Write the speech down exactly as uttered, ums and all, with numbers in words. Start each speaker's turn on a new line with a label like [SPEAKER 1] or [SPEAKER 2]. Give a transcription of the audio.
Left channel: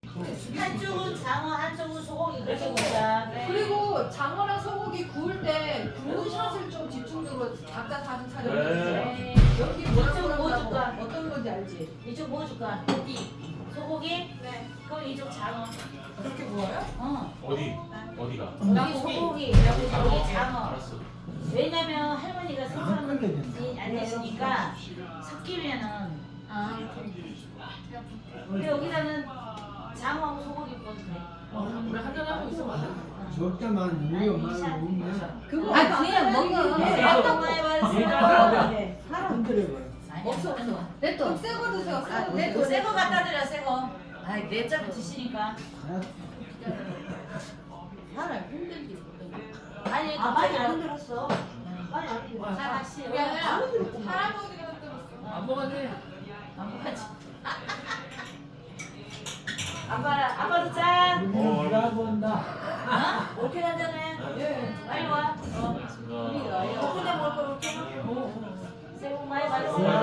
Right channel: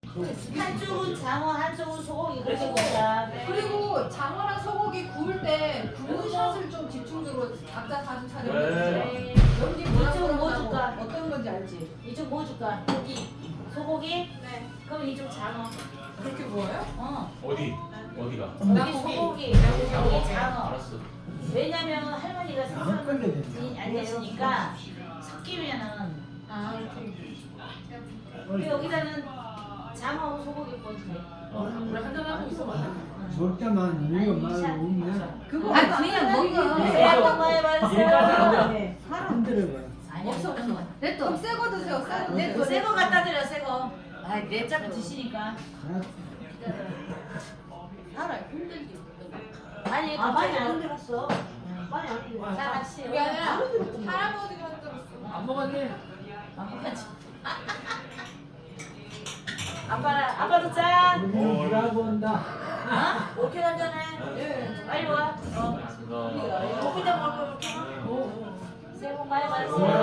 [SPEAKER 1] 한쪽은 장어, 한쪽은 소고기 그렇게 먹자.
[SPEAKER 2] 그리고 장어랑 소고기 구울 때 구운 샷을 좀 집중적으로 각자 사진 촬영해
[SPEAKER 1] 네.
[SPEAKER 2] 주세요. 여기 뭐라고
[SPEAKER 1] 이쪽 뭐
[SPEAKER 2] 그러는지
[SPEAKER 1] 줄까?
[SPEAKER 2] 어떤 건지 알지?
[SPEAKER 1] 이쪽 뭐 줄까? 고기, 소고기?
[SPEAKER 2] 네.
[SPEAKER 1] 그럼 이쪽 장어.
[SPEAKER 2] 그렇게 구워요?
[SPEAKER 1] 어.
[SPEAKER 3] 어디? 어디가?
[SPEAKER 1] 여기 소고기, 여기 장어.
[SPEAKER 3] 알았어.
[SPEAKER 1] 왜냐면 할머니가 생선이 안 되시니까 섞이면은
[SPEAKER 2] 아.
[SPEAKER 1] 우리 여기다는 장어하고 소고기 구워도 돼.
[SPEAKER 2] 우리 한잔하고 있어 맞아?
[SPEAKER 4] 적다만 우리가 말을 오면
[SPEAKER 2] 그거
[SPEAKER 5] 아니, 그냥 먹어.
[SPEAKER 1] 네, 어떤 거에 맞으세요?
[SPEAKER 4] 네. 흔들어봐.
[SPEAKER 1] 아니야,
[SPEAKER 2] 없어, 없어.
[SPEAKER 1] 아니야.
[SPEAKER 5] 냅둬.
[SPEAKER 2] 그럼 새거 드세요. 새거.
[SPEAKER 1] 네, 또 새거 갖다 드려, 새거. 아, 내 짜고 드시니까.
[SPEAKER 5] 사람 힘들지.
[SPEAKER 1] 아니, 아, 많이 안 흔들었어. 많이 안 흔들었어. 자, 같이.
[SPEAKER 2] 그게 아니라 할아버지가 흔들었어.
[SPEAKER 5] 안 먹었네.
[SPEAKER 1] 안 먹었지. 아빠는, 아빠도 짠.
[SPEAKER 4] 우리는 일하고 온다.
[SPEAKER 1] 어? 오케이, 한잔해.
[SPEAKER 2] 예.
[SPEAKER 1] 빨리 와. 어. 우리가 이거 그냥 먹을 거 이렇게. 새해 복 많이 받으세요.